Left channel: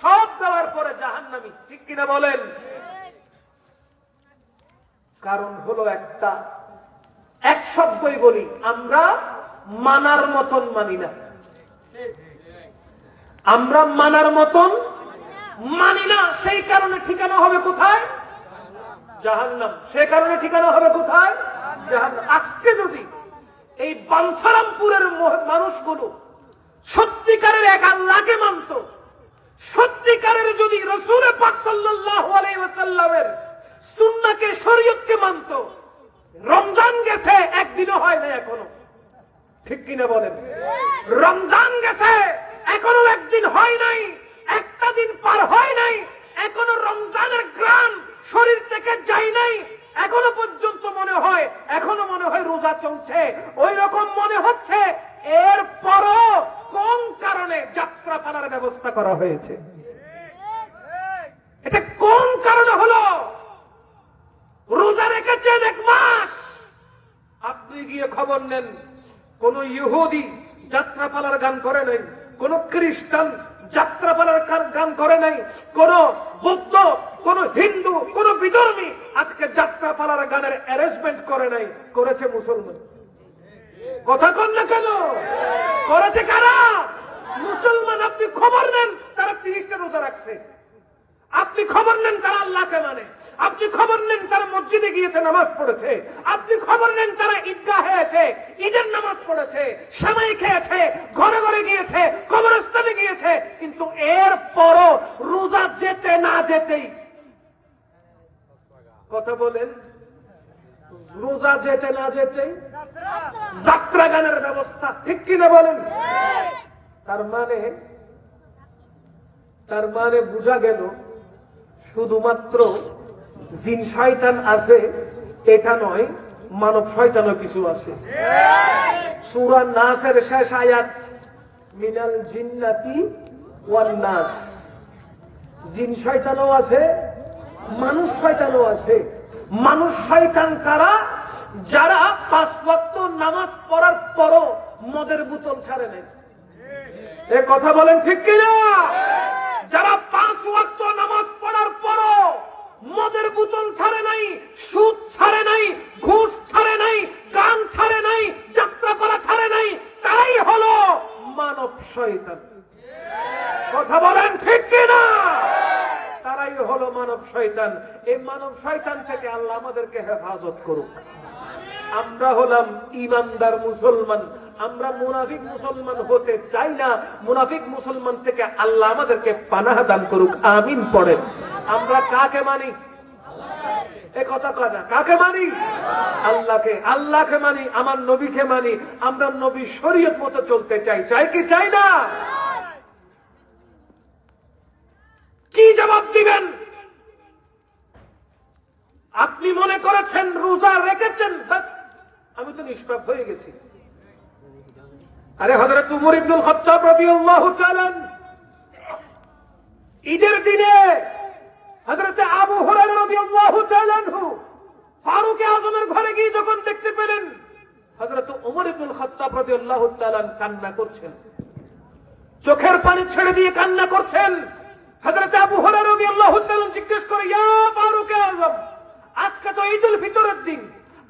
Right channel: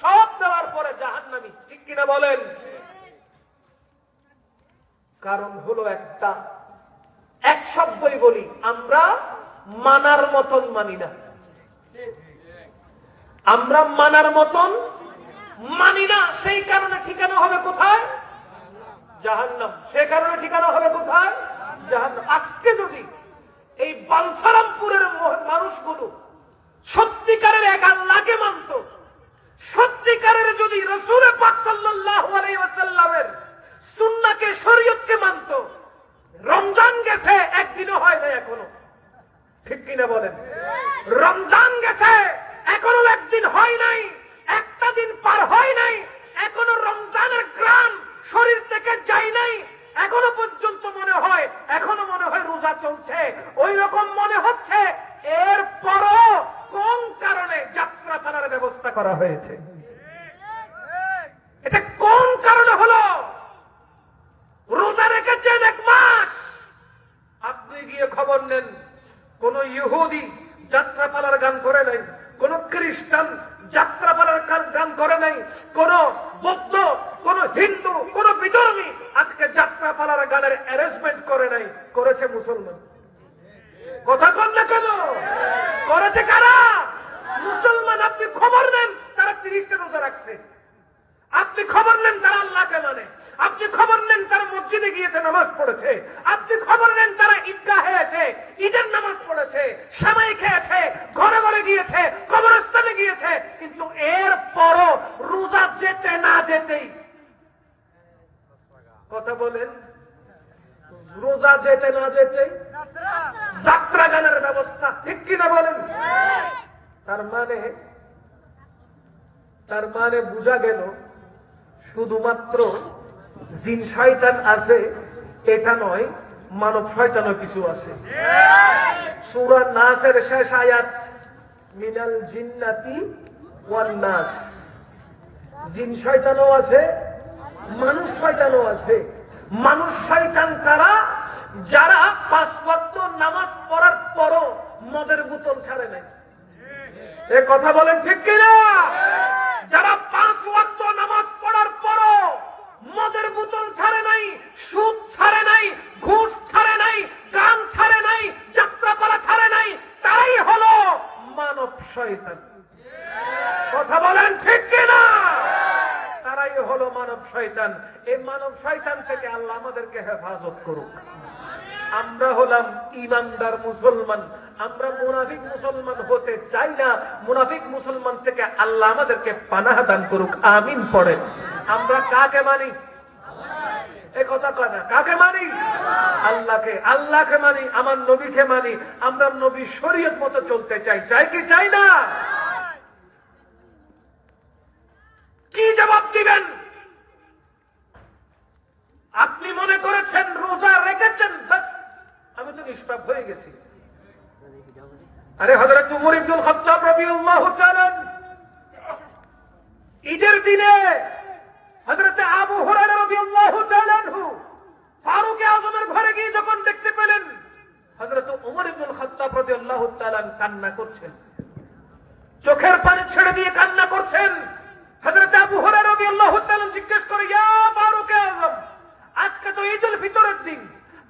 সব দেওয়ার পরে জাহান্নামী, ঠিক কিনা বলেন? কারণ হলো একটা, এক শব্দই বলি, আমরা মানার মতন মানি না। আমরা মানার মতন মানি না, সেই কারণে ঠিকানা হবে কোথায়? জাহান্নাম। সেই কারণে ঠিকানা হবে কোথায়? জাহান্নাম। আজকে যদি এই বাঞ্ছারামপুরের মানুষগুলো সত্যিকারের এক আল্লাহকে মানত, সত্যিকারের যদি রাসূল পাক সাল্লাল্লাহু আলাইহি ওয়াসাল্লামের সুন্নাহকে, শরীয়তকে মানত, রমজান গেছে একদিনও হয় না এখনো, ঠিক কিনা বলেন? রমজান গেছে এখনো একদিন হয় নাই, একটা দিন পার হয় নাই, এখনো রমজানের গ্রাম শরীর থেকে যায় নাই, এখনো পর্যন্ত মনে হয়, এখনো মনে হয় রোজা চলছে, ওই রকম মনে হচ্ছে। এরপরও কোন কারণে যাত্রা পালার ব্যবস্থা করা হয়েছে? এটা কোন কারণে হলো? রোজা রেখেছেন 1 মাস, আপনি গিয়ে খবর নেন, কোন ইহুদি যাত্রাপালার গান করে নাই, কোন খ্রিস্টান যাত্রাপালার গান করে নাই, কোন বৌদ্ধ, কোন হিন্দু, কোন বিধর্মী আজকে যাত্রাপালার গানের অ্যারেঞ্জমেন্ট করে নাই, করেছে মুসলমান। কথা কন না কেন? করেছে কারা? মুসলমান। আপনি খবর নেন তারা 30টা রোজা রাখছে, আপনি খবর নেন তারা আল্লাহকে মানে, আপনি খবর নেন তারা মসজিদে গিয়েছে, নামাজ পড়েছে, আপনি খবর নেন তারা ঈদগাহে এসে ঈদের নামাজ পড়েছে, সেমাই খেয়েছে, ঘরে ঘরে গিয়েছে, কবরস্থানে গিয়েছে, কিন্তু এরপরও রোজা যেতে না যেতেই, কথা বলেন, রোজা যেতে না যেতেই যাত্রা গানের ব্যবস্থা, ঠিক কিনা বলেন? তার মানে বোঝা গেল শুধুমাত্র জিন শয়তান আছে এটা নয়, মানব শয়তানও কিছু আছে। সূরা নাসের শেষ আয়াত, মিনাল জিন্নাতি ওয়ান নাস, জিন শয়তানও আছে, মানুষ শয়তানও আছে। মানুষ শয়তান কারা? যারা 5 ওয়াক্ত নামাজ পড়ার পরও মদের বোতল ছাড়ে নাই। এই কথা বলেন ঠিক কিনা? যারা 5 ওয়াক্ত নামাজ পড়ার পরও মদের বোতল ছাড়ে নাই, সুদ ছাড়ে নাই, ঘুষ ছাড়ে নাই, গান ছাড়ে নাই, যাত্রাপালা ছাড়ে নাই, তারাই হলো মানব শয়তান। কথা বলেন ঠিক কিনা? তারাই হলো মানব শয়তান। এই মানব শয়তান থেকে আল্লাহ আমাদেরকে হেফাজত করুক। আমরা হলাম ঈমানদার মুসলমান, আমরা মুনাফিক মুসলমান হতে চাই না। মুনাফিক মুসলমান থেকে আল্লাহ আমাদেরকে পানাহ দান করুক, আমিন পড়ে। আমরা কাকে মানি? এই কথা কয় না, কাকে মানি? আল্লাহকে। আল্লাহকে মানি, আমার নবীকে মানি, আমরা নবী শরীয়ত মতো চলতে চাই, চাই কি চাই না? কি জবাব দিবেন? আপনি মনে করেছেন রোজা রেখেছেন, বাস আমি তো নিষ্পাপ হয়ে গেছি। আরে হযরত উমর ইবনুল খাত্তাব রাদিয়াল্লাহু তাআলা ঈদের দিনে হযরত আবু হুরায়রা রাদিয়াল্লাহু তাআলা ফারুক আযমের ঘরে গিয়ে যখন দেখতে পেলেন হযরত উমর ইবনুল খাত্তাব রাদিয়াল্লাহু তাআলা কান্না করছেন, চোখের পানি ছেড়ে দিয়ে কান্না করছেন। হযরত আবু হুরায়রা রাদিয়াল্লাহু তাআলা জিজ্ঞেস করে, ইয়া ফারুক আযম, আজকে তো ঈদুল ফিতরের দিন,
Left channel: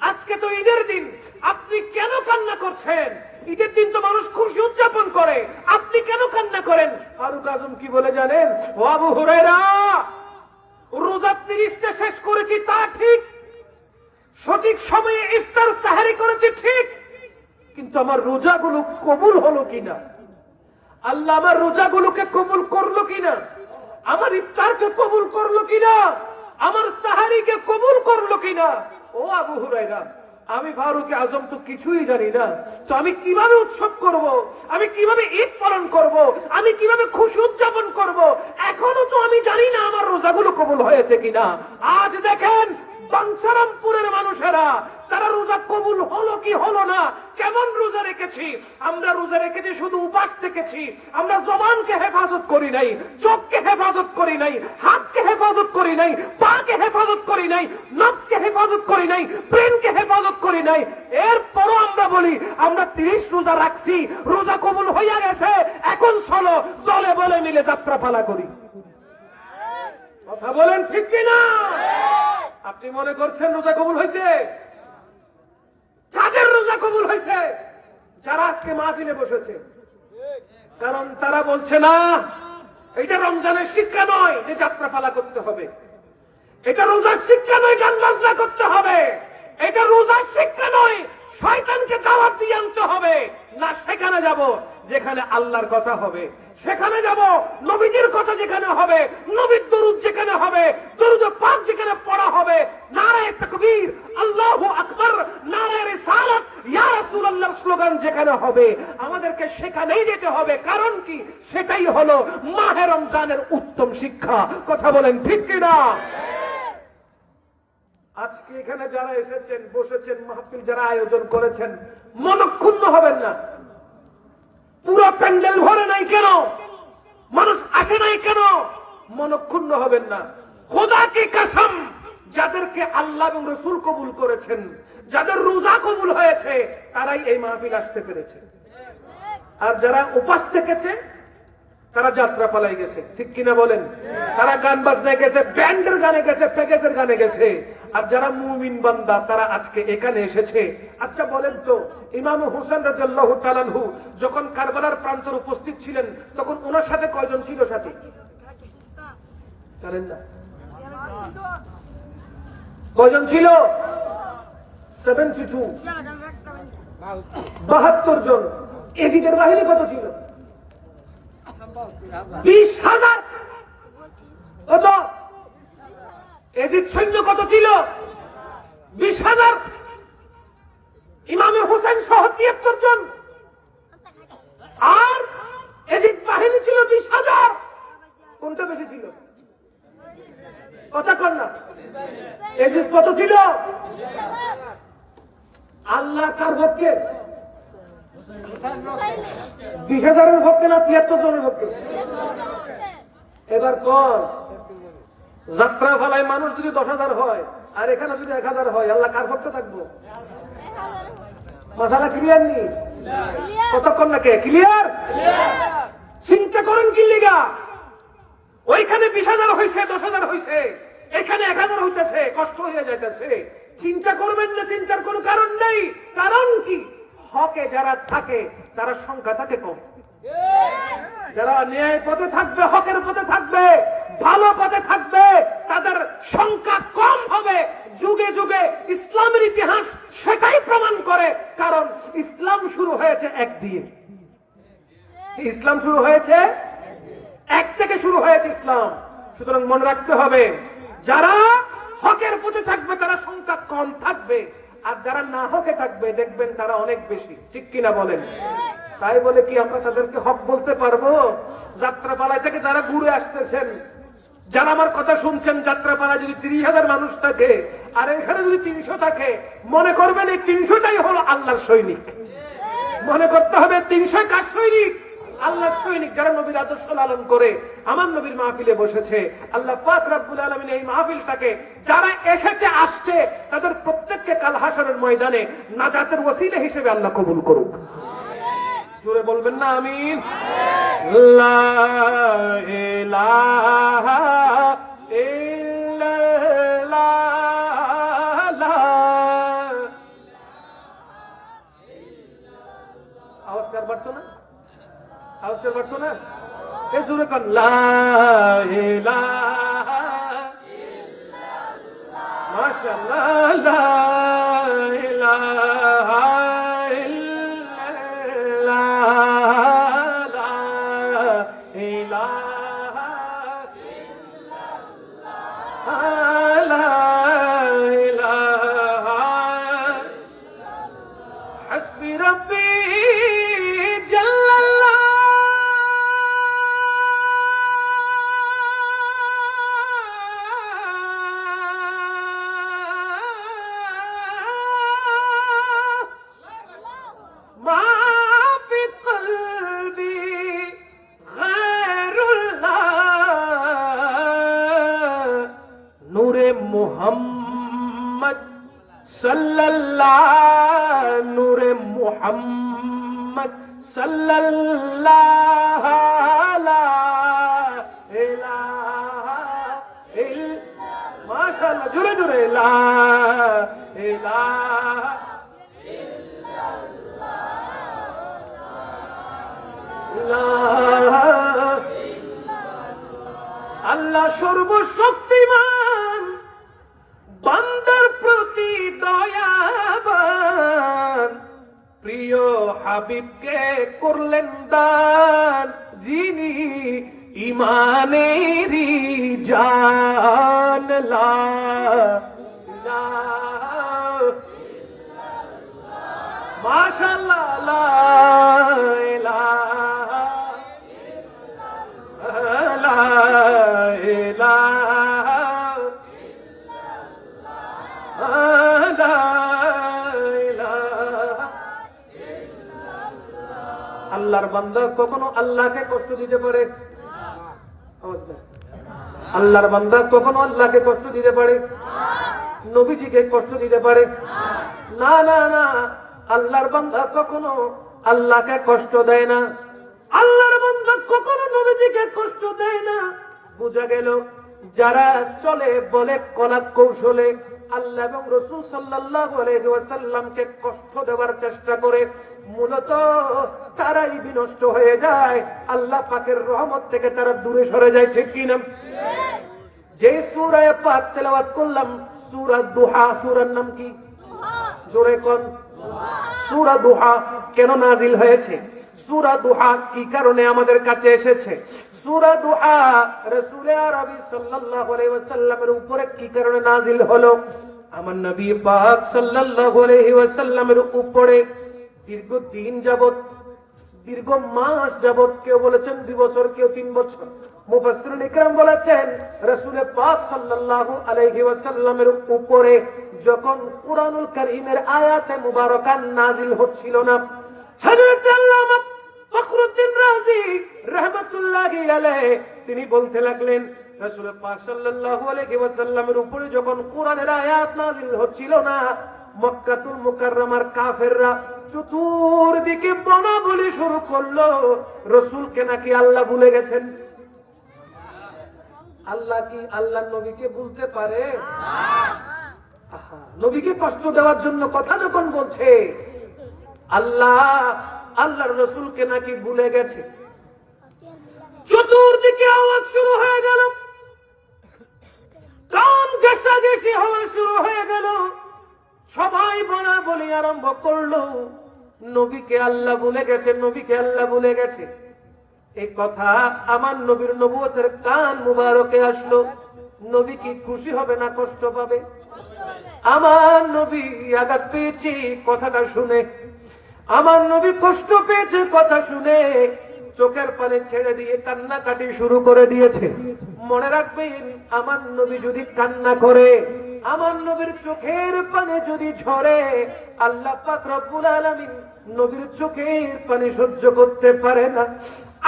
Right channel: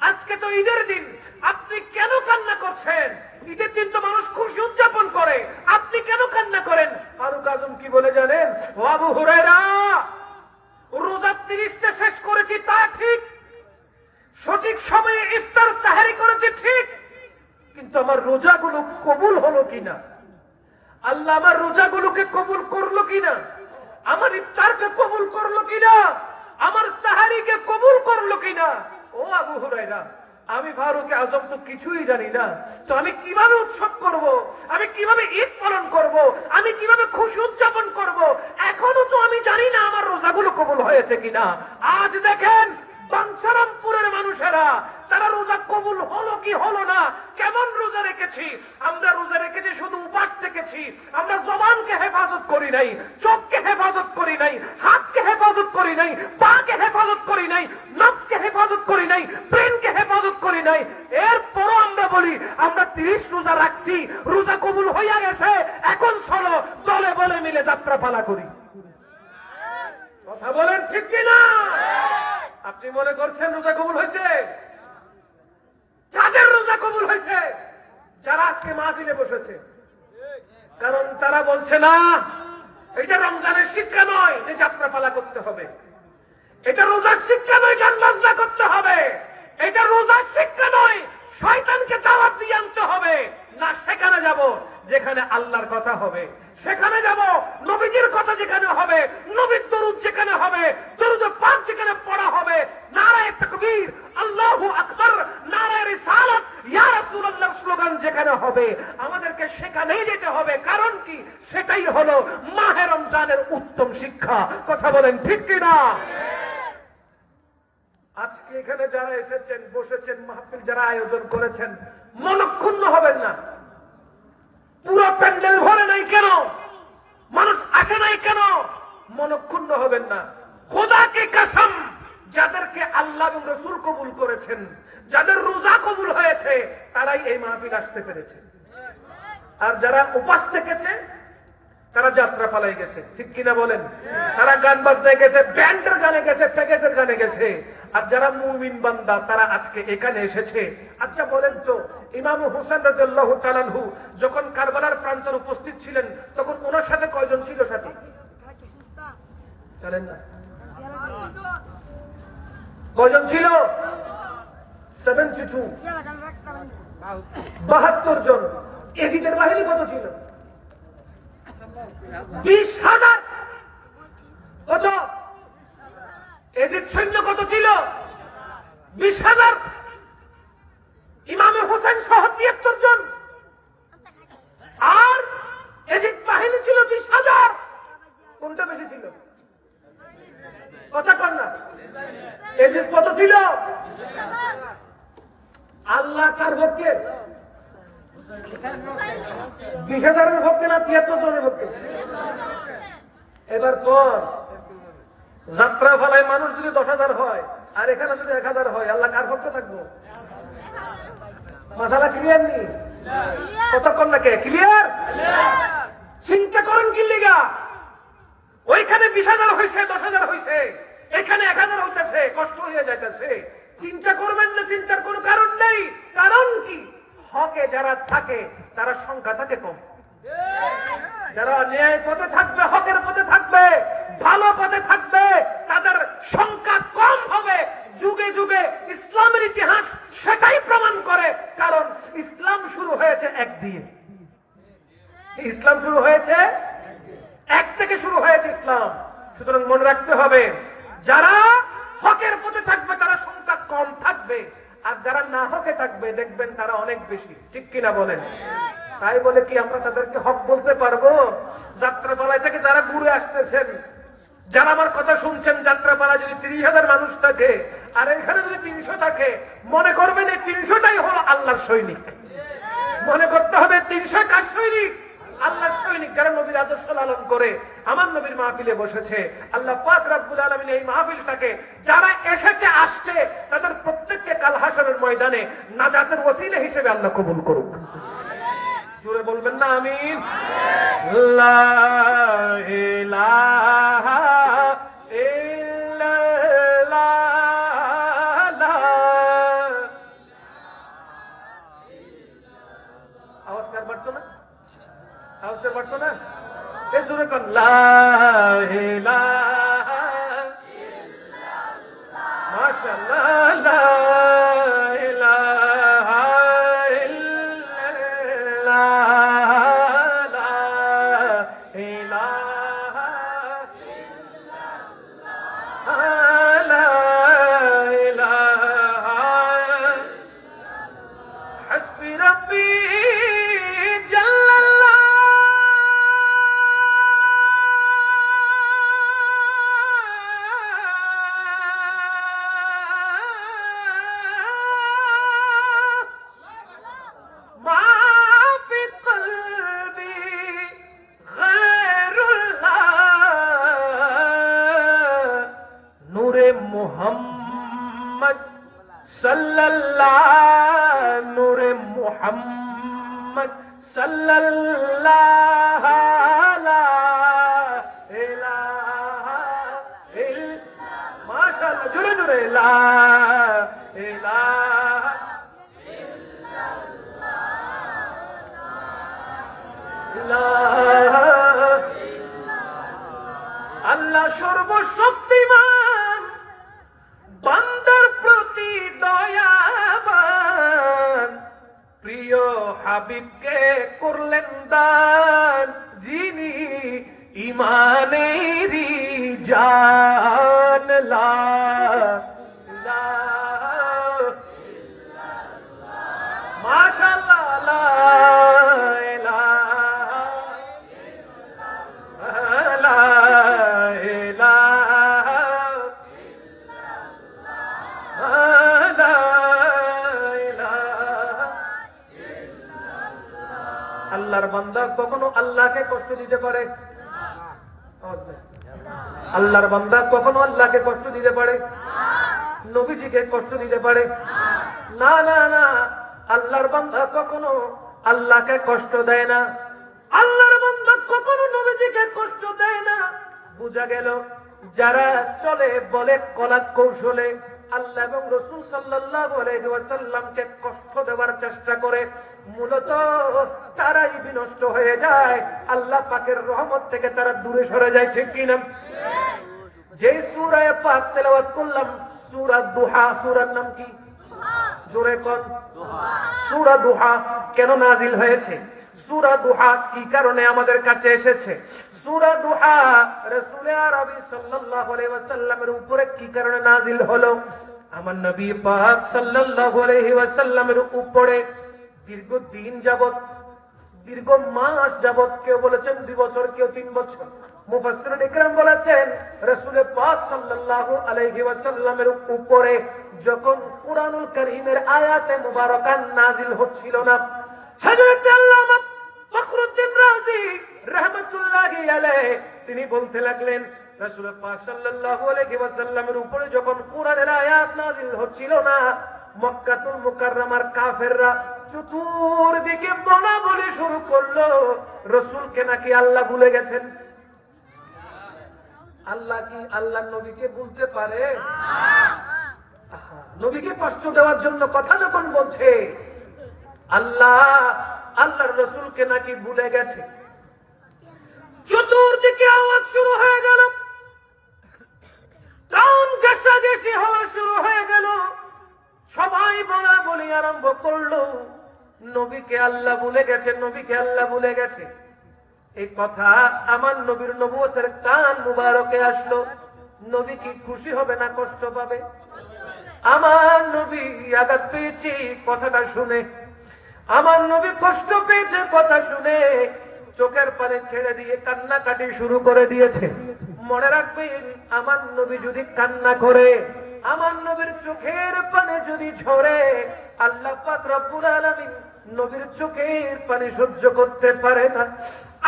আজকে তো ঈদের দিন, আপনি কেন কান্না করছেন? ঈদের দিন তো মানুষ খুশি উদযাপন করে, আপনি কেন কান্না করেন? ফারুক আযম কি বলে জানেন? ও আবু হুরায়রা, রোজা 30টা শেষ করেছি তা ঠিক, সঠিক সময়ে ইফতার সাহরি করেছি ঠিক, কিন্তু আমার রোজাগুলো কবুল হলো কিনা, আল্লাহ আমার রোজাগুলোকে কবুল করলো কিনা, আমার ইফতারকে কবুল করলো কিনা, আমার সাহারিকে কবুল করলো কিনা? ও আবু হুরায়রা, আমি ফারুক আযম তো কিছুই জানি না, তো আমি কিভাবে উৎসব করব, আমি কিভাবে ঈদ পালন করব, আমি কিভাবে খুশি উদযাপন করব? এখনো তো আমি জানি না আমার রোজাগুলো কবুল হয়েছে কিনা। আজ দেখেন বাঞ্ছারামপুরের মানুষেরা, তারা রোজা কবুল হলো কি হলো না, কেমন রোজা রেখে থেকেছি, আমরা রোজা রেখেছি শুধু উপাস থেকেছি, আমরা জবানকে হেফাজত করি নাই, চোখকে হেফাজত করি নাই, হাতকে হেফাজত করি নাই, পাকে হেফাজত করি নাই, নফসকে হেফাজত করি নাই, ব্রেনকে হেফাজত করি নাই। এরপরও আমরা বলি আমরা 30 রোজা রাখছি, রোজা কবুল হইয়া গেছে, এখন চলো দলে বলে মিলে যাত্রাপালা করি। কথা বলেন ঠিক কিনা? আপনি মনে করছেন রোজা কবুল হয়েছে? কাদের রোজা কবুল হয়েছে? যারা আজকে মাহফিলে বসেছে। কারণ তারা বলছে না এটা রমজানের শিক্ষা নয় যে যাত্রাপালা করতে হবে, এটা রোজার শিক্ষা নয় গান বাজনা করতে হবে, এটা রোজার শিক্ষা নয় শয়তানকে দাওয়াত দিয়ে আনতে হবে। না, সেখানে যাব যেখানে আল্লাহর কথা হবে, সেখানে যাব নবীজির কথা যেখানে হবে, নবীর দরুদ যেখানে হবে, দরুদ পাক যেখানে পড়া হবে, নারায়ে তাকবীর, আল্লাহু আকবার, নারায়ে রিসালাত, ইয়া রাসূলুল্লাহ স্লোগান যেখানে হবে, আমাদেরকে সেখানেই যেতে হবে। কারণ কি? সেটাই হলো মাহে রমজানের উত্তম শিক্ষা। কথা বলেন ঠিক কিনা? আজকে এখানে যারা এসেছেন, বসেছেন, মাহফিল যারা আয়োজন করেছেন, মনক্ষুণ্ণ হবেন না। পুরো প্যান্ডেল ভরে নাই কেন? মানুষ আসে নাই কেন? মনক্ষুণ্ণ হবেন না। খোদা কি কসম, যাদেরকে আল্লাহ এবং রাসূল কবুল করেছেন, যাদের রোজা কবুল হয়েছে, তারাই এই মাহফিল আসতে পেরেছে। আর যারা উপাস থেকেছে তারা যাত্রা পালাই গেছে। ঠিক কিনা বলেন? তারা গান বাজনায় গেছে, ব্যান্ডের গানে গেছে, প্যাকেজের গানে গেছে। আর যারা মুমিন বান্দা তারা আজকে এখানে এসেছে। আচ্ছা বলেন তো, ইমাম হোসেন রাদিয়াল্লাহু তাআলা আনহু যখন কারবালার প্রান্তরে উপস্থিত ছিলেন, তখন ওনার সাথে কয়জন ছিল সাথী? জানেন না? কয়জন ছিল? 72, 72 জন। এজিদের বাহিনী কত ছিল? 20,000। কত? এজিদ সৈন্য কত ছিল? 20,000। ইমাম হোসেন সহ 73 জন। আর এজিদ বাহিনী ছিল 20,000। কোনটা বেশি ছিল? কথা কর না। এজিদ কত ছিল? আল্লাহ কার ভক্তের? 20,000-এর ভক্তে না 73 জনের ভক্তে? এবার কোন যাত্রা ফলায় মানুষ যদি 10,000 হয় আর এখানে যদি 1,000 হয়, আল্লাহ কার ভক্ত থাকবো? মশালা ক্লিয়ার নি? কতক্ষণ লাগে ক্লিয়ার? চিন্তা করেন কি লিগা? ওইখানে 20,000 হয়েছে, 10,000 হয়েছে, এখানে 1,000 হইতেছে, কষ্ট হয়ে যাইতেছে। চিন্তা করবেন না, চিন্তার কোন কারণ নেই। কারণ কি? হকে যারা থাকে তারা সংখ্যা থাকে কম। যারা ন্যায় পথে থাকবে, হকের পথে থাকবে, ভালো পথে থাকবে, তাদের সংখ্যা কম হবে। যুগে যুগে ইসলামের ইতিহাস সেটাই প্রমাণ করে। কারণ ইসলাম শুরু হয়েছে এক দিয়ে। ইসলাম শুরু হয়েছে এক থেকে, শুরু হয়েছে ইসলাম। সুতরাং মনে রাখতে হবে, যারা হকের পথে থাকবে তারা সংখ্যা কম থাকবে, আর যারা না হকে থাকবে দেখবেন তারা অনেক বেশি। ঠিক কিনা বলেন? তাই বলে কি আমরা তাদেরকে হক বলতে পারবো? যাত্রাপালায় থেকে যারা ঘুরে আসতেছেন, যারা আমার কথা শুনছেন, যাত্রাপালায় যদি 30,000 মানুষ থাকে আর এখানে যদি 300 থাকে, মনে করবেন এই 300টাই হলো আল্লাহর সৈনিক। মনে করতে হবে 300 কার সৈনিক? আল্লাহর সৈনিক, যারা নবীর আদর্শ লালন করে আমার নবীর মাহফিলে বসেছে। আল্লাহ পাক রব্বুল আলামিন এই মাহফিলটাকে যারা এসেছে, আসছে, তাদের প্রত্যেককে কাল হাশরের ময়দানে নাজাতের ওসিলা হিসেবে আল্লাহ কবুল করুক। জোরে বলবেন না আমিন? লা ইলাহা ইল্লাল্লাহ। আওয়াজ কার বাড়তো না? আওয়াজ কার বাড়তো না? এই জোরে কর, লা ইলাহা ইল্লাল্লাহ। মাশাআল্লাহ, লা ইলাহা ইল্লাল্লাহ, লা ইলাহা ইল্লাল্লাহ, লা ইলাহা হাসবি রাব্বি মুহাম্মদ সাল্লাল্লাহু নূরে মুহাম্মদ সাল্লাল্লাহু লা ইলাহা ইল্লাল্লাহ মাশাআল্লাহ জোরে জোরে লা ইলাহা ইল্লাল্লাহ আল্লাহ সর্বশক্তিমান বান্দার প্রতি দয়াবান প্রিয় হাবিবকে করলেন দান যিনি ইমানেরই জান লা ইলাহা মাশাআল্লাহ লা ইলাহা লা ইলাহা লা ইলাহা আল্লাহর বান্দা কখনো আল্লাহকে কষ্ট দিতে পারে? আল্লাহর বান্দা কখনো আল্লাহকে কষ্ট দিতে পারে? নবীজিকে কষ্ট দিতে পারে? না না না, আল্লাহর বান্দা কখনো আল্লাহকে কষ্ট দেয় না, আল্লাহর বান্দা কখনো নবীজিকে কষ্ট দেয় না। বুঝা গেল যারা চলে বলে কলাত কৌশলে আল্লাহ এবং রাসূল সাল্লাল্লাহু আলাইহি ওয়াসাল্লামকে কষ্ট দেওয়ার চেষ্টা করে, মূলত তারাই বিনষ্ট হয়ে যায়, আল্লাহ পাকের রহমত থেকে তারা দূরে সরে যায়। ঠিক কি না? যে সূরা পাক তেলাওয়াত করলাম সূরা দুহা, সূরার নাম কি? জোরে কোন? সূরা দুহা কেন নাজিল হয়েছে? সূরা দুহা কি কারণে আমাদের কাছে এসেছে? সূরা দুহা রাসূল আরবি সাল্লাল্লাহু আলাইহি ওয়াসাল্লামের উপরে কি কারণে নাজিল হলো? আমার নবী পাক সাল্লাল্লাহু আলাইহি ওয়াসাল্লামের উপরে দীর্ঘদিন যাবত, দীর্ঘ মাস যাবত, কেউ বলেছেন 2 বছর, কেউ 3 বছর, মুফাসসিরিন ইকরাম বলেছেন রাসূল পাক সাল্লাল্লাহু আলাইহি ওয়াসাল্লামের উপরে যখন কুরআনুল কারীমের আয়াতে মুবারাকা নাজিল হচ্ছিল না, হযরত আল্লামা ফখরুদ্দীন রাজি রাহমাতুল্লাহি আলাইহি তিনি বলতে লাগলেন রাসূল পাক সাল্লাল্লাহু আলাইহি ওয়াসাল্লামের উপরে যখন কুরআনের আয়াত নাজিল হচ্ছিল না, মক্কাতুল মুকাররমার কাফেররা চতুর্দিকে বলাবলি শুরু করলো রাসূলকে নাকি আল্লাহ ভুলে গেছেন। আল্লাহ কি আল্লাহ নবীকে ভুলতে পারে? নবীকে কষ্ট দেওয়ার জন্য কথা যখন বলছে, আল্লাহ আল্লাহর রাসূলকে নাকি ভুলে গেছে। চতুর্দিকে আওয়াজ শুরু হয়ে গেল, কান ঘেঁষাঘেঁষি হওয়া শুরু হয়ে গেল, সবাই বলা বলি আরম্ভ করলো নবীকে আল্লাহ ভুলে গেছে, নবীকে আল্লাহ ভুলে গেছে। এই কথা আমার নবীর নবুয়তের কান মুবারকে আসলো, নবী কি খুশি হবে না কষ্ট পাবে? আমার নবী আঘাত পেয়েছে কথাটা শুনে, আমার নবী কষ্ট পেয়েছে কথা শুনে, চোখের পানি ছেড়ে দিয়ে কান্নাকাটি শুরু করে দিয়েছে। মনে রাখবেন, আমার নবী যদি কান্না করে, আমার নবীর চোখের পানি যদি ঝরে, আল্লাহ পাক রব্বুল আলামিন নবীর চোখের পানি সহ্য করতে পারে না।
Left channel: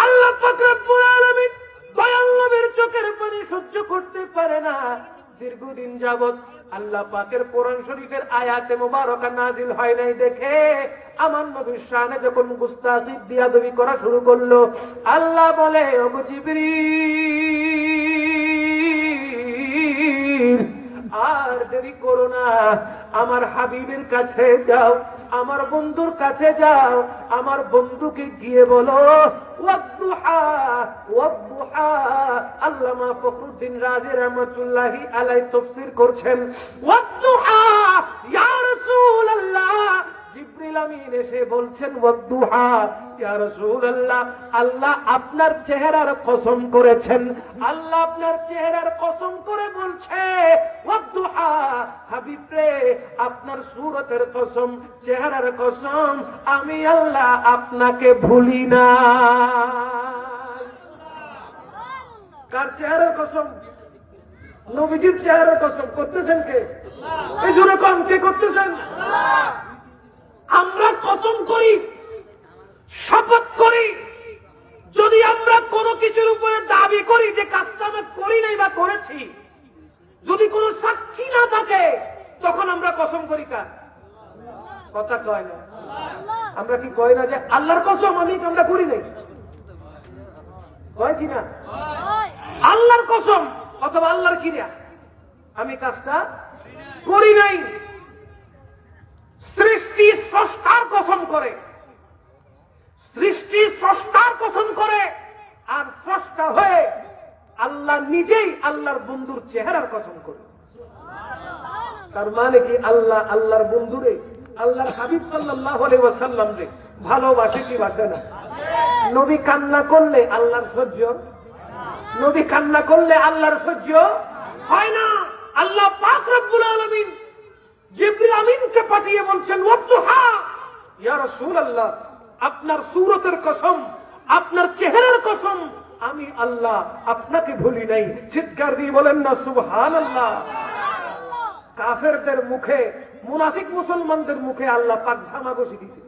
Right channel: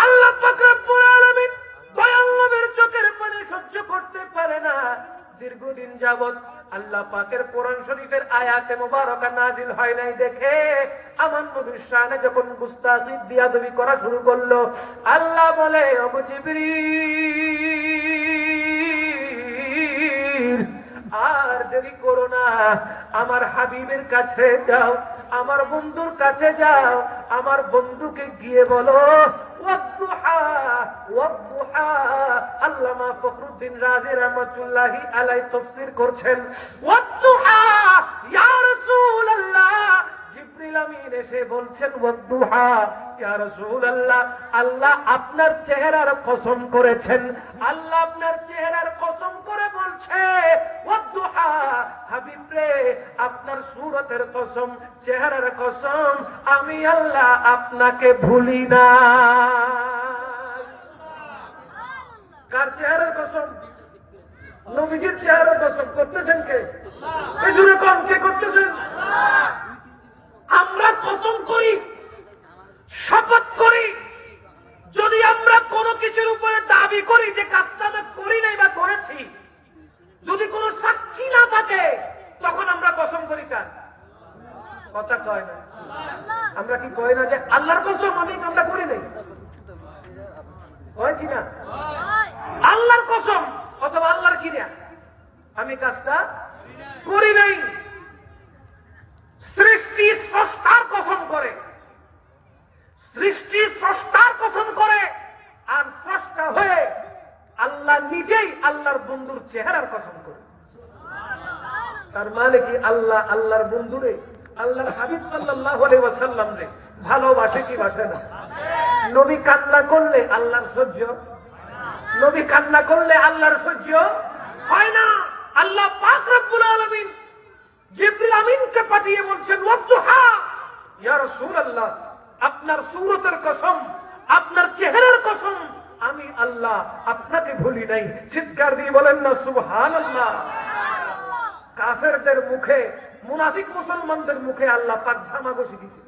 আল্লাহ পাক রব্বুল আলামিন দয়াল নবীর চোখের পানি সহ্য করতে পারে না। দীর্ঘদিন যাবত আল্লাহ পাকের কোরআন শরীফের আয়াতে মুবারকা নাজিল হয় নাই দেখে আমার নবীর শানে যখন গুস্তাখি বিয়াদবি করা শুরু করলো, আল্লাহ বলে, ও জিবরিল আর দেরি করো না, আমার হাবিবের কাছে যাও, আমার বন্ধুর কাছে যাও, আমার বন্ধুকে গিয়ে বলো ওয়াদুহা ওয়াদুহা। আল্লামা ফখরুদ্দীন রাজি রাহমাতুল্লাহি আলাইহি তাফসীর করছেন ওয়াদুহা ইয়া রাসূলুল্লাহ। জিবরিল আমিন এসে বলছেন ওয়াদুহা ইয়া রাসূলুল্লাহ, আল্লাহ আপনার চেহারার কসম করেছেন, আল্লাহ আপনার চেহারার কসম করে বলছে ওয়াদুহা, হাবিব রে আপনার সূরতের কসম, চেহারার কসম, আমি আল্লাহ আপনাকে ভুলি না। কার চেহারার কসম? নবীজির চেহারার কসম করতেছেন কে? এই জন্য কোন কে করতেছেন? আমরা কসম করি, শপথ করি, যদি আমরা কোনো কিছুর উপরে দাবি করি যে কাজটা আমরা করি নাই বা করেছি, যদি কোনো সাক্ষী না থাকে তখন আমরা কসম করি কার? কথা কয় না। আমরা কি কই না যে আল্লাহর কসম আমি কামটা করি নাই? কয় কিনা? আল্লাহর কসম অথবা আল্লাহর কিনা আমি কাজটা করি নাই। সৃষ্টি স্রষ্টার কসম করে, সৃষ্টি স্রষ্টার কসম করে, আর স্রষ্টা হয়ে আল্লাহ নিজেই আল্লাহর বন্ধুর চেহারার কসম করে। তার মানে কি আল্লাহ আল্লাহর বন্ধুরে, আল্লাহর হাবিব সাল্লাল্লাহু আলাইহি ওয়াসাল্লাম রে ভালোবাসে কি বাসে না? নবী কান্না করলে আল্লাহর সহ্য, নবী কান্না করলে আল্লাহর সহ্য হয় না। আল্লাহ পাক রব্বুল আলামিন জিবরিল আমিনকে পাঠিয়ে বলছেন ওয়াদুহা, ইয়া রাসূলুল্লাহ আপনার সূরতের কসম, আপনার চেহারার কসম, আমি আল্লাহ আপনাকে ভুলি নাই। চিৎকার দিয়ে বলেন না সুবহানাল্লাহ। কাফেরদের মুখে, মুনাফিক মুসলমানদের মুখে আল্লাহ পাক জামা বসে দিয়েছে,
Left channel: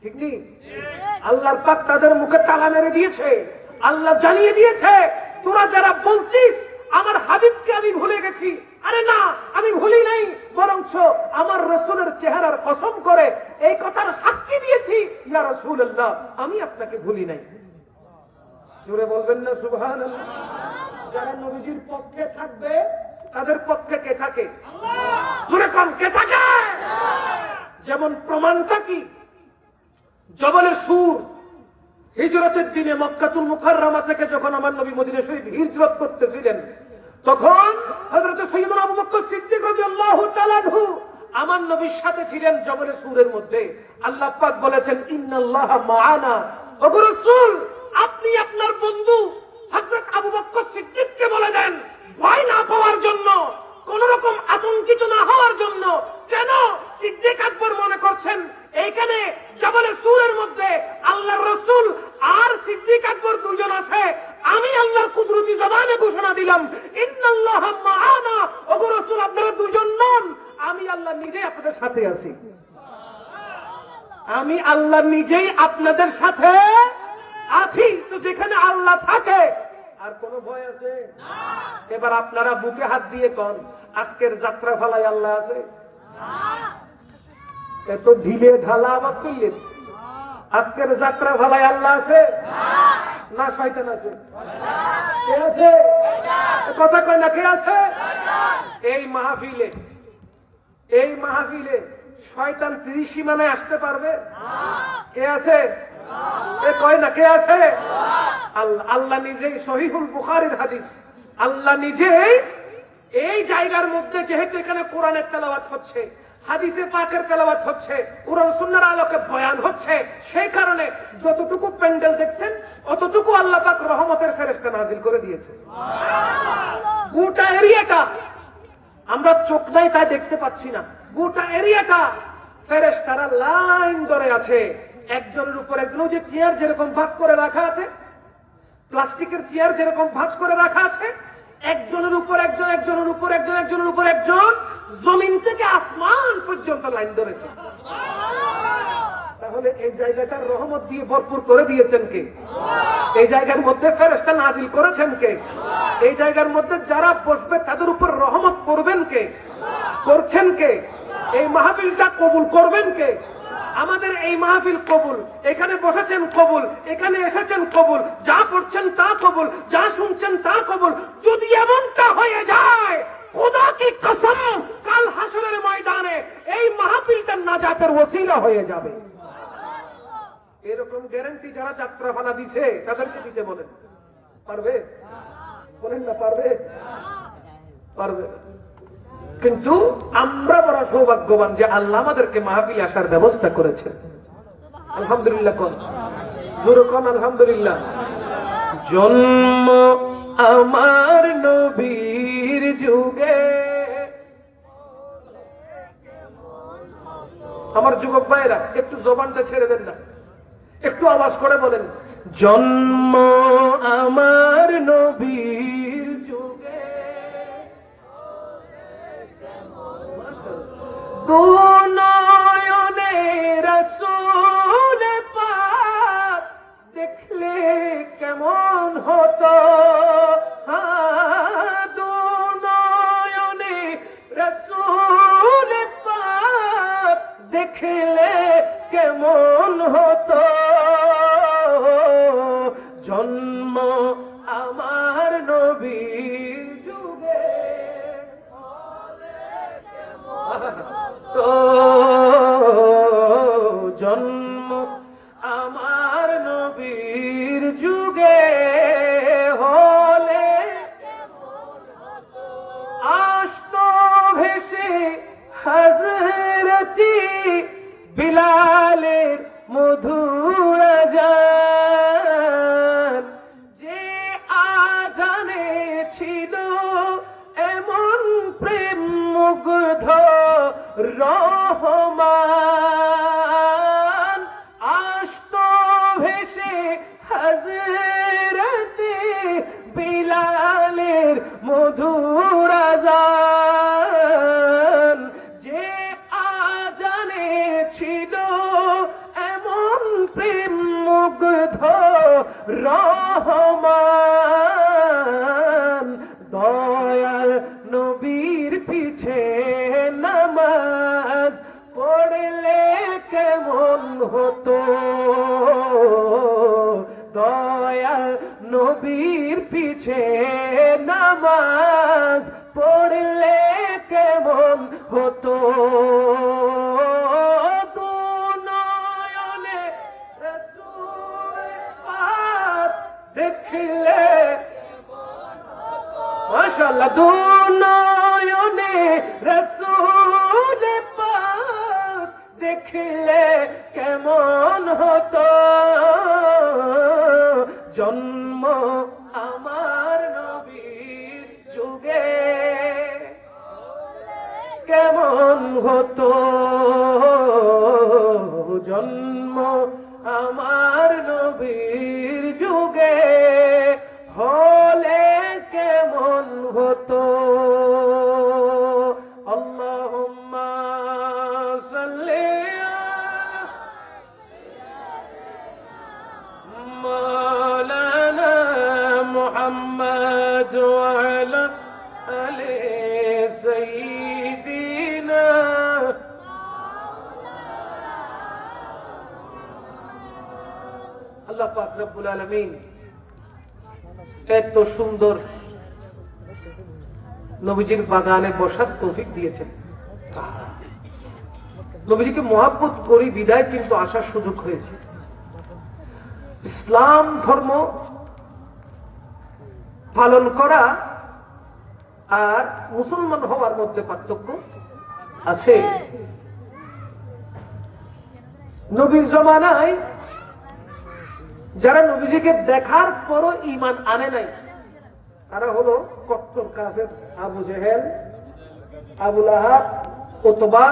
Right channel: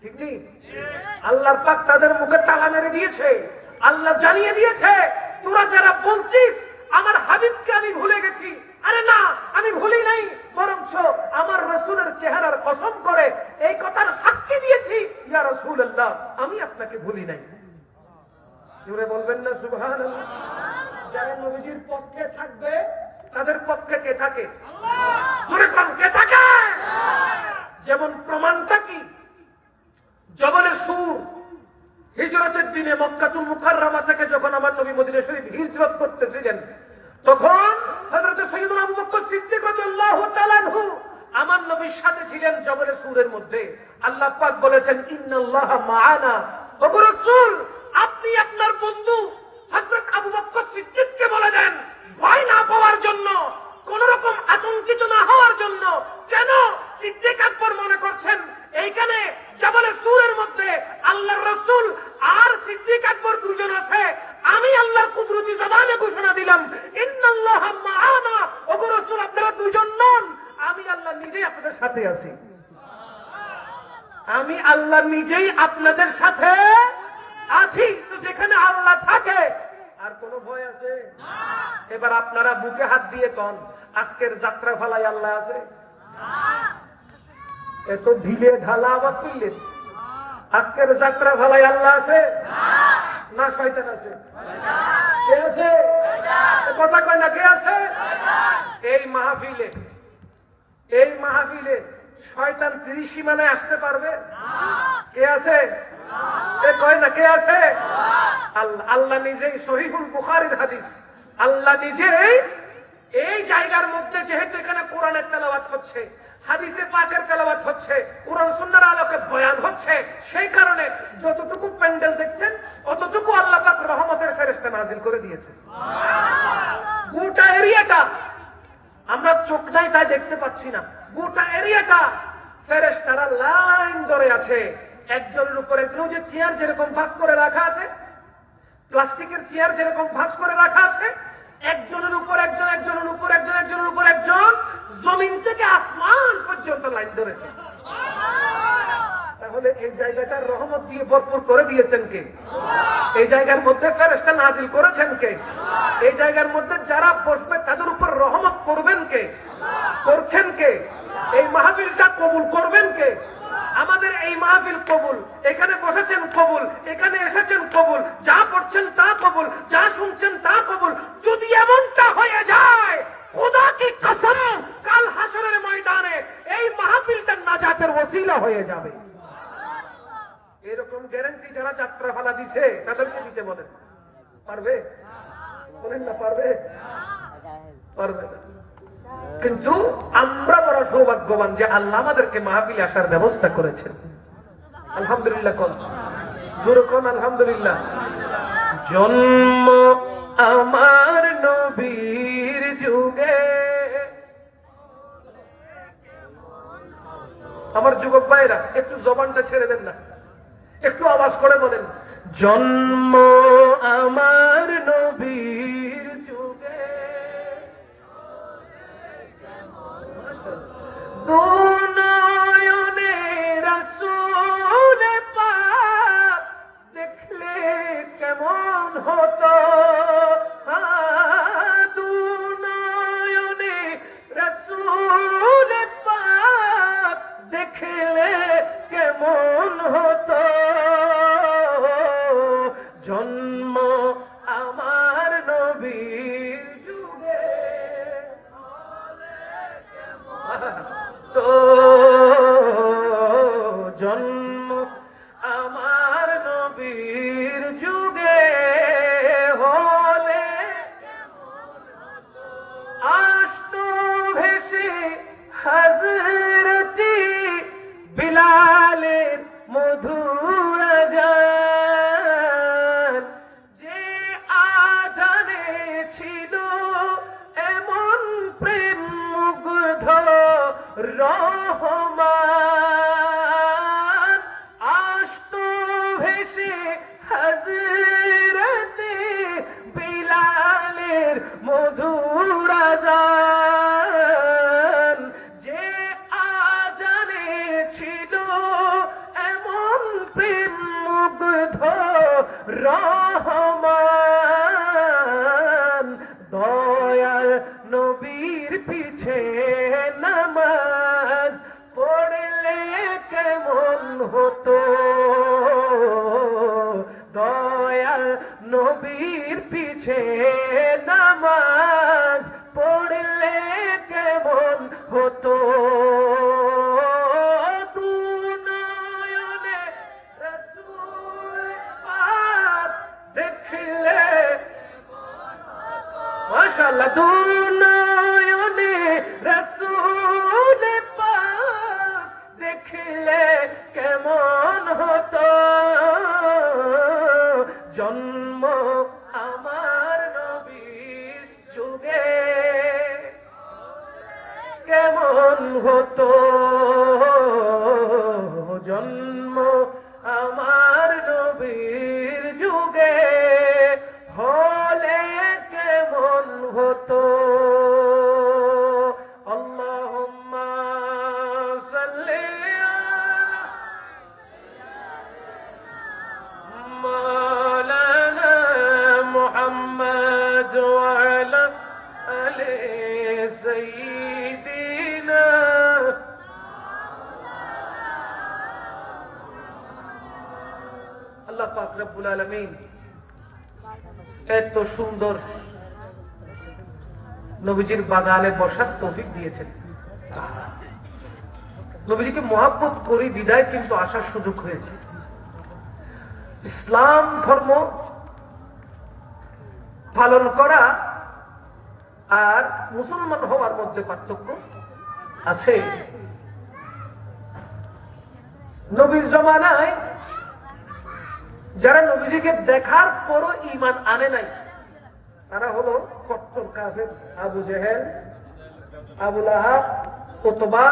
ঠিক নেই? আল্লাহ পাক তাদের মুখে তালা মেরে দিয়েছে। আল্লাহ জানিয়ে দিয়েছে তোরা যারা বলছিস আমার হাবিবকে আমি ভুলে গেছি, আরে না আমি ভুলি নাই, বরঞ্চ আমার রাসূলের চেহারার কসম করে এই কথার সাক্ষী দিয়েছি ইয়া রাসূলুল্লাহ আমি আপনাকে ভুলি নাই। জোরে বলবেন না সুবহানাল্লাহ। যারা নবীজির পক্ষে থাকবে তাদের পক্ষে কে থাকে? জোরে কোন কে থাকে? যেমন প্রমাণটা কি? জবলে সূর হিজরতের দিনে মক্কাতুল মুকাররমা থেকে যখন আমার নবী মদিনা শরীফ হিজরত করতেছিলেন, তখন হযরত সাইয়্যিদুনা আবু বকর সিদ্দিক রাদিয়াল্লাহু তাআলা আনহু আমার নবীর সাথে ছিলেন জবলে সূরের মধ্যে। আল্লাহ পাক বলেছেন ইন্নাল্লাহা মাআনা। ওগো রাসূল আপনি আপনার বন্ধু হযরত আবু বকর সিদ্দিককে বলে দেন ভয় না পাওয়ার জন্য, কোন রকম আতঙ্কিত না হওয়ার জন্য। কেন? সিদ্দিক আকবর মনে করছেন এইখানে জবলে সূরের মধ্যে আল্লাহর রাসূল আর সিদ্দিক আকবর দুজন আছে। আমি আল্লাহর কুদরতি জবানে ঘোষণা দিলাম ইন্নাল্লাহা মাআনা। ওগো রাসূল আপনারা দুজন নন, আমি আল্লাহ নিজেই আপনাদের সাথে আছি। আমি আল্লাহ নিজেই আপনাদের সাথে আছি। তো যেখানে আল্লাহ থাকে আর কোন ভয় আছে? এবার আপনারা বুকে হাত দিয়ে কোন আজকের যাত্রা ফলায় আল্লাহ আছে? এত ঢিলে ঢালা আওয়াজ করলেন। আজকের যাত্রা ফলায় আল্লাহ আছে না শয়তান আছে? কে আছে? কথা কয় না কে আছে? এই মাহফিলে, এই মাহফিলে শয়তান 30 সীমানায় আসতে পারবে? কে আছে? কয় না কে আছে? আল্লাহ নিজেই সহিহুল বুখারীর হাদিস, আল্লাহ নিজেই এই জায়গার মধ্যে, যেহেতু এখানে কোরআনের তেলাওয়াত হচ্ছে, হাদিসে পাকের তেলাওয়াত হচ্ছে, কোরআন সুন্নাহর আলোকে বয়ান হচ্ছে, সেই কারণে যতটুকু প্যান্ডেল দেখছেন অতটুকু আল্লাহ পাক রহমতের ফেরেশতা নাযিল করে দিয়েছে। গোটা এরিয়াটা আমরা চোখ নাই তাই দেখতে পাচ্ছি না, গোটা এরিয়াটা ফেরেশতারা লাইন ধরে আছে একজনের উপর একজন। যে চেয়ার যেরকম ভাঁজ করে রাখা আছে, প্লাস্টিকের চেয়ার যেরকম ভাঁজ করে রাখা আছে, একজনের উপর একজন, একজনের উপর একজন, একজনের উপর একজন, জমিন থেকে আসমান পর্যন্ত লাইন ধরেছে। তাহলে এই জায়গাটা রহমত দিয়ে ভরপুর করে দিয়েছেন কে? এই জায়গার মধ্যে ফেরেশতা নাযিল করেছেন কে? এই জায়গার মধ্যে যারা বসবে তাদের উপর রহমত করবেন কে? করছেন কে? এই মাহফিলটা কবুল করবেন কে? আমাদের এই মাহফিল কবুল, এখানে বসেছেন কবুল, এখানে এসেছেন কবুল, যা করছেন তা কবুল, যা শুনছেন তা কবুল। যদি এমনটা হয়ে যায় খোদা কি কসম কাল হাসরের ময়দানে এই মাহফিলটা নাজাতের ওসিলা হয়ে যাবে। এরকম গ্যারান্টি যারা যাত্রা ফালা দিছে তাদেরকে দিতে বলেন। পারবে? বলেন না পারবে? পারবে। কিন্তু আমরা বড় সৌভাগ্যবান যে আল্লাহ আমাদেরকে মাহফিলে আসার ব্যবস্থা করেছেন। আলহামদুলিল্লাহ কোন জোরে কোন আলহামদুলিল্লাহ। জন্ম আমার নবীর যুগে, আমার যুবক ভাইয়েরা একটু জবানটা ছেড়ে দেন না, একটু আওয়াজ করে বলেন জন্ম আমার নবীর যুগে, নয়নে রাসূল পাক দেখলে কেমন হতো, দুনয়নে ছিল এমন প্রেম মুগ্ধ রহমান, আসতো ভেসে হযরতে বিলালের মধুর আযান, যে আযানে ছিল এমন প্রেম মুগ্ধ রহমান, দয়াল নবীর পিছে নামাজ পড়লে কেমন হতো, দয়াল নবীর পিছে নামাজ পড়লে কেমন হতো। দু নয়নে রাসূল পাক দেখলে, মাশাআল্লাহ, দু নয়নে রাসূল পাক দেখলে কেমন হতো, জন্ম আমার নবীর যুগে কেমন হতো, জন্ম আমার নবীর যুগে হলে কেমন হতো। আল্লাহুম্মা সাল্লি আলা মাওলানা মুহাম্মদ ওয়া আলা আলি সাইয়্যিদিনা। আল্লাহ পাক রব্বুল আলামিন এত সুন্দর নবীজির বাগানে বসার তৌফিক দিয়েছেন। নবীজিকে মহব্বত করি বিদায় কিন্তু আসার সুযোগ হয়েছে। ইসলাম ধর্ম পালন করা আর মুসলমান হওয়ার মধ্যে পার্থক্য আছে। নবীর জামানায় যারা নবীজিকে দেখার পরও ঈমান আনে নাই, তারা হলো কট্টর কাফের। আবু জেহেল, আবু লাহাব, উতবা,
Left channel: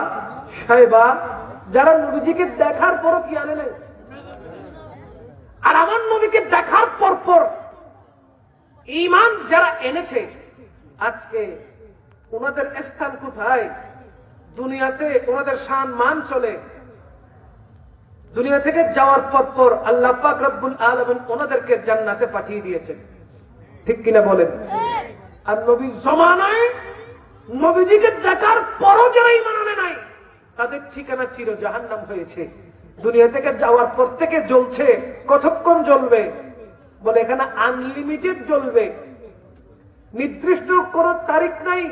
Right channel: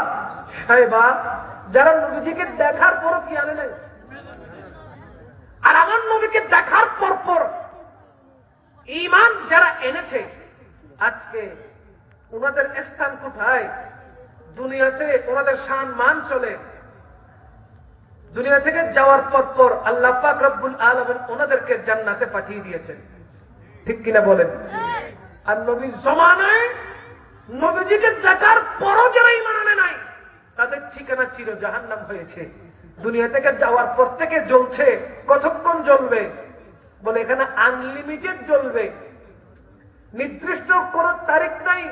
শায়বা, যারা নবীজিকে দেখার পরও কি আনে নাই। আর আমার নবীকে দেখার পর ঈমান যারা এনেছে, আজকে ওনাদের স্থান কোথায়? দুনিয়াতে ওনাদের শান মান চলে। দুনিয়া থেকে যাওয়ার পর আল্লাহ পাক রব্বুল আলামিন ওনাদেরকে জান্নাতে পাঠিয়ে দিয়েছেন, ঠিক কিনা বলেন? আর নবীর জামানায় নবীজিকে দেখার পরও যারা ঈমান আনে নাই, তাদের ঠিকানা ছিল জাহান্নাম হয়েছে। দুনিয়া থেকে যাওয়ার পর থেকে জ্বলছে। কতক্ষণ জ্বলবে? বলে এখানে আনলিমিটেড জ্বলবে। নির্দিষ্ট কোন তারিখ নাই,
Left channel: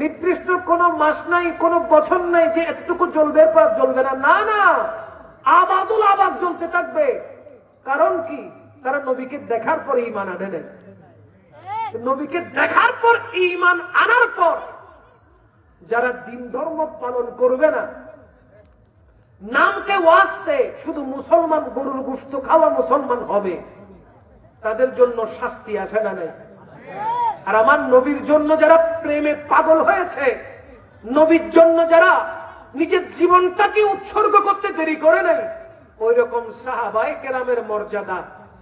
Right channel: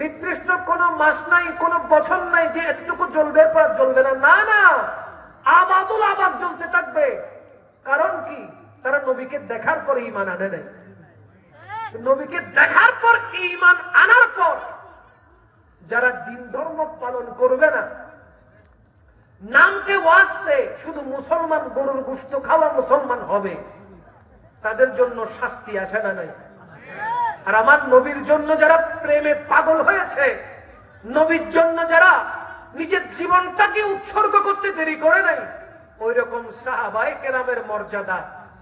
নির্দিষ্ট কোন মাস নাই, কোন বছর নাই যে এতটুকু জ্বলবে পর জ্বলবে না। না না, আবাদুল আবাদ জ্বলতে থাকবে। কারণ কি? তারা নবীকে দেখার পর ঈমান আনে নাই। নবীকে দেখার পর ঈমান আনার পর যারা দিন ধর্ম পালন করবে না, নামকে ওয়াস্তে শুধু মুসলমান, গরুর গোশত খাওয়া মুসলমান হবে, তাদের জন্য শাস্তি আসে না নাই? আর আমার নবীর জন্য যারা প্রেমে পাগল হয়েছে, নবীর জন্য যারা নিজের জীবনটাকে উৎসর্গ করতে দেরি করে নাই, ওই রকম সাহাবায়ে কেরামের মর্যাদা,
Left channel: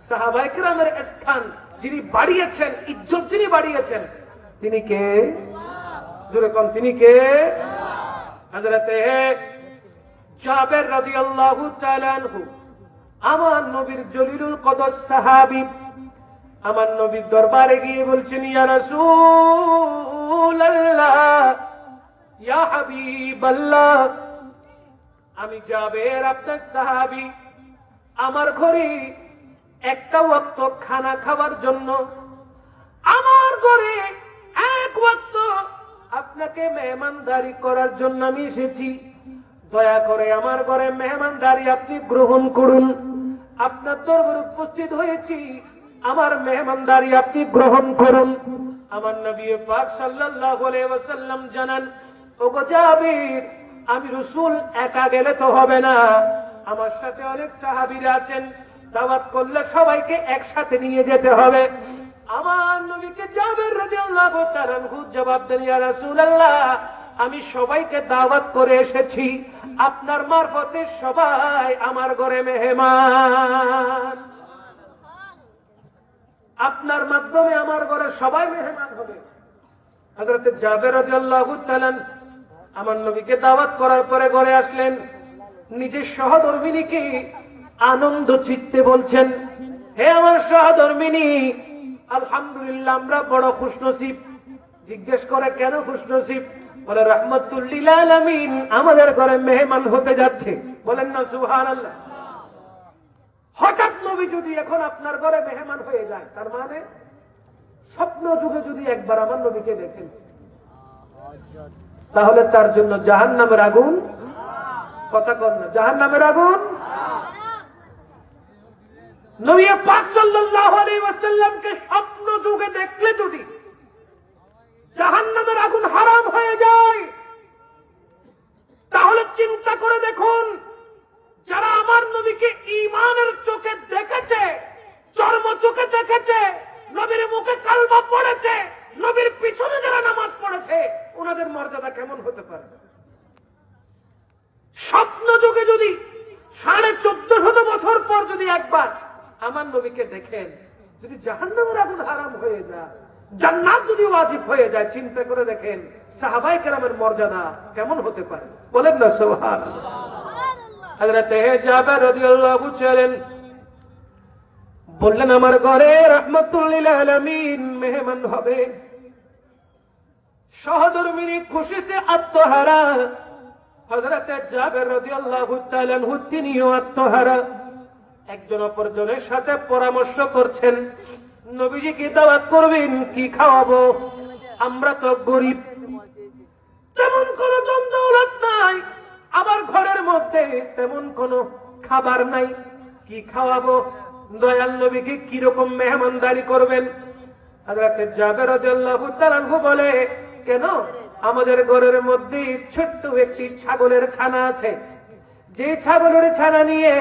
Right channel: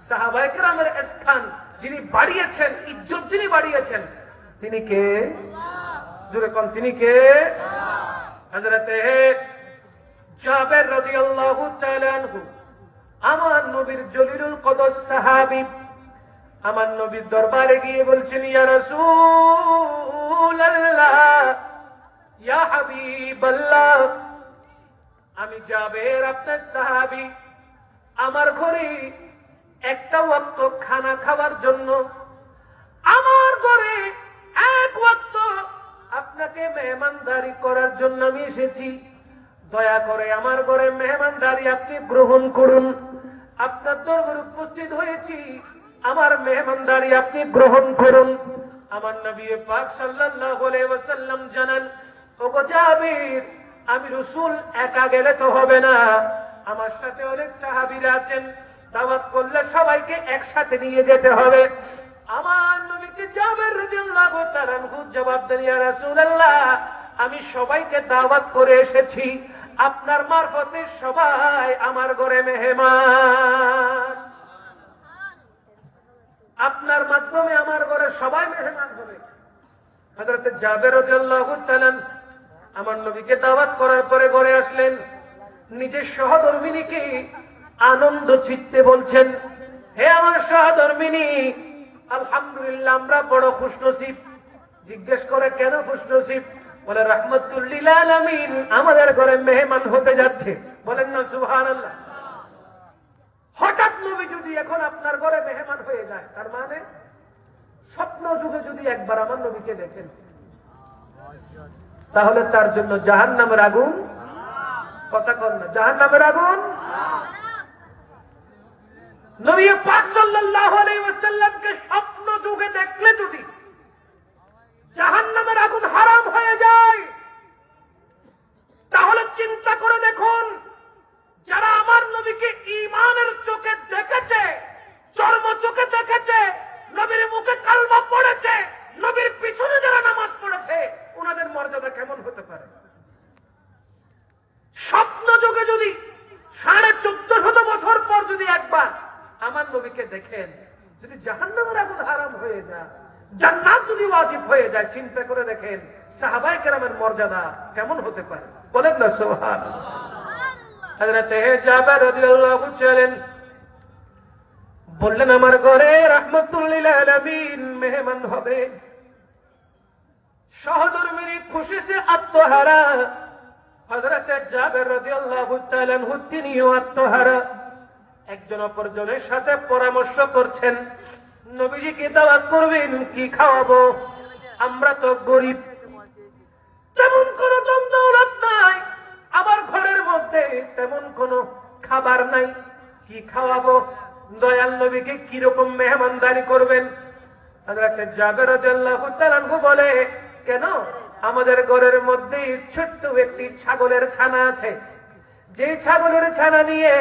সাহাবায়ে কেরামের স্থান যিনি বাড়িয়েছেন, ইজ্জত যিনি বাড়িয়েছেন, তিনি কে? জোরে কোন, তিনি কে? হযরতে জাবের রাদিয়াল্লাহু তাআলা আনহু, আমার নবীর জলিলুল কদর সাহাবী, আমার নবীর দরবারে গিয়ে বলছেন, ইয়া রাসূলুল্লাহ, ইয়া হাবিবাল্লাহ, আমি জাবের আপনার সাহাবী, আমার ঘরে একটা ওয়াক্ত খানা খাওয়ার জন্য, আমার ঘরে এক ওয়াক্ত আপনাকে মেহমানদারি করার জন্য আমি এসেছি। দয়া করে আমার ঘরে মেহমানদারি আপনি গ্রহণ করুন। আপনার দরবারে উপস্থিত হয়েছি, আমার মেহমানদারি আপনি গ্রহণ করুন। আমার নবী পাক সাল্লাল্লাহু আলাইহি ওয়াসাল্লাম জানান, ওগো জাবির, আমি রাসূল একা গেলে তো হবে না, আমার সাথে অনেক সাহাবীরা আছেন, দাওয়াত করলে সবাইকে একসাথে নিয়ে যেতে হবে। আমার নবীকে জাবের রাদিয়াল্লাহু তাআলা আনহু জবাব দেন, ইয়া রাসূলুল্লাহ, আমি সবাইকে দাওয়াত করে এসেছি, আপনার মারফতে সবাই আমার ঘরে মেহমান, আপনার মাধ্যমে আমার ঘরে সবাই মেহমান হবে। হযরত জাবের রাদিয়াল্লাহু তাআলা আমার নবীকে দাওয়াত করার পরে ঘরে আসলেন, নিজের সহধর্মিনীকে আনন্দ চিত্তে বলছেন, হে আমার সহধর্মিনী, আলহামদুলিল্লাহ আমরা বড় খুশনসিব। জিজ্ঞেস করে কেন খুশনসিব? বলে রাহমাতুল লিল আলামিন আমাদের ঘরে মেহমান হতে যাচ্ছে। বলেন না সুবহানাল্লাহ। হঠাৎ নবী যদি এখন আপনার ঘরে মেহমান হয়ে যায়, তার মানে স্বপ্ন যুগে যদি একবার আমার নবীকে দেখেন, তাহলে তার জন্য জাহান্নামের আগুন, কথা কন না, জাহান্নামের আগুন। নবী পাক সাল্লাল্লাহু আলাইহি ওয়াসাল্লামকে স্বপ্ন যুগে দেখলে যদি জাহান্নামের আগুন হারাম হয়ে যায়, তাহলে চিন্তা করে দেখুন, যারা আমার নবীকে ঈমানের চোখে দেখেছে, চর্ম চোখে দেখেছে, নবীর মুখে কালমা পড়েছে, নবীর পিছনে যারা নামাজ পড়েছে, ওনাদের মর্যাদা কেমন হতে পারে? স্বপ্ন যুগে যদি 1450 বছর পর যদি একবার আমার নবীকে দেখেন, যদি জাহান্নামের আগুন হারাম হয়ে যায়, জান্নাত যদি ওয়াজিব হয়ে যায়, চিন্তা করে দেখেন সাহাবায়ে কেরামের মর্যাদা কেমন হতে পারে। বলেন না সুবহানাল্লাহ। হযরত জাবের রাদিয়াল্লাহু ছিলেন, বললেন আমার ঘরে রাহমাতুল লিল আলামিন মেহমান হবে। সহধর্মিনী খুশিতে আত্মহারা, হযরত জাবের রাদিয়াল্লাহু তাআলা আনহু তিনিও আত্মহারা। একজন অপরজনের সাথে পরামর্শ করছেন, নবীজিকে দাওয়াত করবেন, কি খাওয়াবো? আমরা তো গরিব, তেমন কোন দৌলত নাই, আমার ঘরের মধ্যে তেমন কোন খাবার নাই, কি খাওয়াবো? দয়াল নবীকে কিরকম মেহমানদারি করবেন? হযরত জাবের রাদিয়াল্লাহু তাআলা আনহু বলে, কেন? আমাদের ঘরের মধ্যে ছোট্ট একটি ছাগলের ছানা আছে, যে ছাগলের ছানা নিয়ে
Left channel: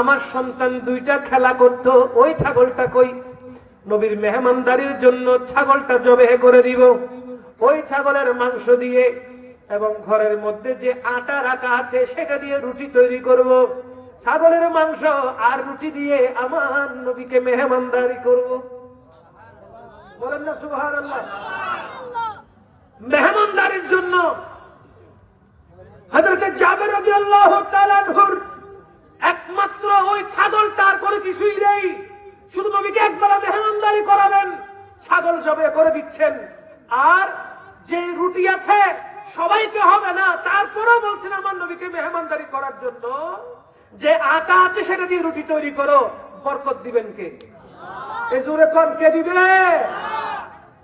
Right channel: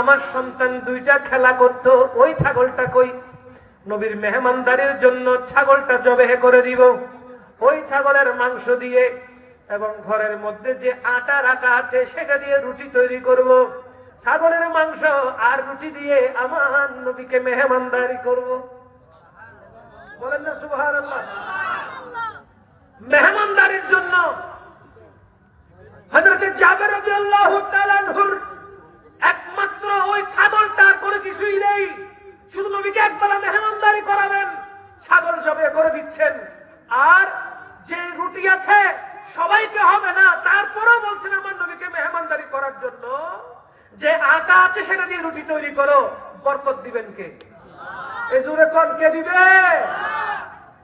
আমার সন্তান দুইটা খেলা করত, ওই ছাগলটা কই? নবীর মেহমানদারির জন্য ছাগলটা জবেহ করে দিব, ওই ছাগলের মাংস দিয়ে এবং ঘরের মধ্যে যে আটা রাখা আছে সেটা দিয়ে রুটি তৈরি করব, ছাগলের মাংস আর রুটি দিয়ে আমার নবীকে মেহমানদারি করব। বলেন না সুবহানাল্লাহ। মেহমানদারির জন্য হযরত জাবের রাদিয়াল্লাহু তাআলা আনহুর একমাত্র ওই ছাগলটা, আর কোনো কিছুই নেই, শুধু নবীকে একবার মেহমানদারি করাবেন, ছাগল জবে করে দিচ্ছেন। আর যে রুটি আছে সবাইকে হবে না, তারপরেও বলছেন আমার নবীকে মেহমানদারি করার জন্য যে আটা আছে সেটা দিয়ে রুটি তৈরি করো। বরকত দিবেন কে? এই জোরে কোন কে দিবে?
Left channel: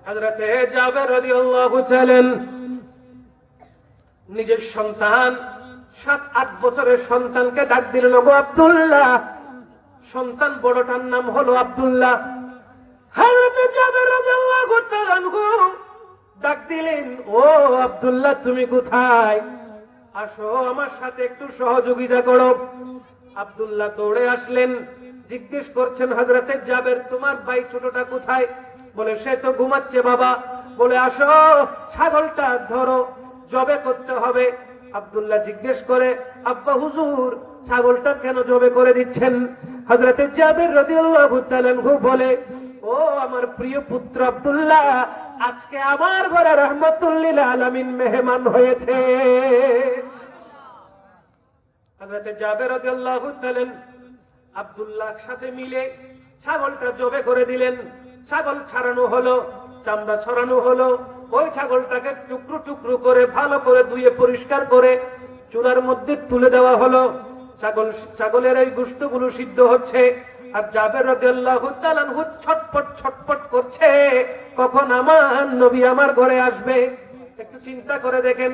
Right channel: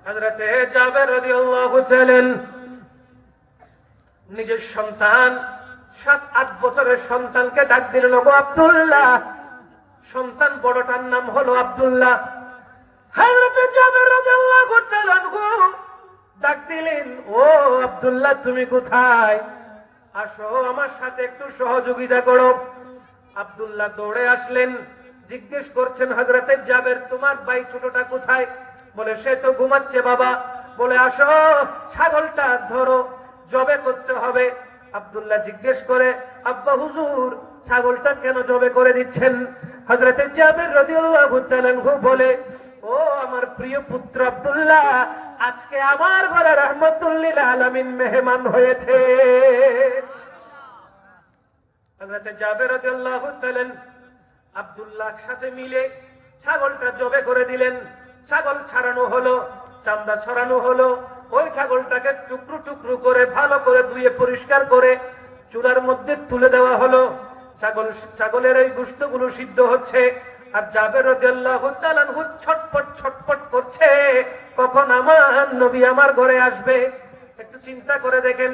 হযরত জাবের রাদিয়াল্লাহু তাআলা নিজের সন্তান 7-8 বছরের সন্তানকে ডাক দিলেন, গো আব্দুল্লাহ। সন্তান বড়টার নাম হলো আব্দুল্লাহ। হযরত জাবের রাদিয়াল্লাহু তাআলা ডাক দিলেন, ও আব্দুল্লাহ তুমি কোথায়? আসো আমার সাথে একটু সহযোগিতা করো। আব্দুল্লাহ দৌড়ে আসলেন, জিজ্ঞেস করছেন, হযরত জাবের তোমার ভাই ছোটটা কোথায়? বলে সে তো ঘুমাচ্ছে বাবা। বলে আসো ছাগলটা ধরো, জবে করতে হবে। আব্দুল্লাহ জিজ্ঞেস করে, আব্বা হুজুর ছাগলটা কেন জবে করে দিচ্ছেন? হযরত জাবের রাদিয়াল্লাহু তাআলা বলে, ও আমার প্রিয় পুত্র আব্দুল্লাহ, আজকে আমার ঘরে রাহমাতুল লিল আলামিন মেহমান হয়েছে। হযরত জাবের রাদিয়াল্লাহু তাআলা আব্দুল্লাহর সাথে মিলে ছাগলটা জবে করে দিলেন। ছাগল ছাড়ানো হলো, চামড়া ছড়ানো হলো, ওই ছাগলটাকে টুকরো টুকরো করে ভালো করে ধুয়ে পরিষ্কার করে চুলার মধ্যে তুলে দেওয়া হলো। ছাগলের এই গোশতগুলো সিদ্ধ হচ্ছে, আর জাবের রাদিয়াল্লাহু তাআলা আনহু ছটপট ছটপট করছে, কখন আমার নবী আমার ঘরে আসবে। একটু চিন্তা করে দেখেন,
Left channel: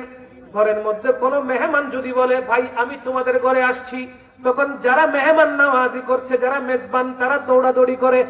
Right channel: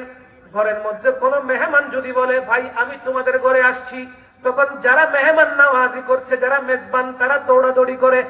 ঘরের মধ্যে কোনো মেহমান যদি বলে, ভাই আমি তোমাদের ঘরে আসছি, তখন যারা মেহমান নওয়াজি করছে, যারা মেজবান, তারা দৌড়াদৌড়ি করে।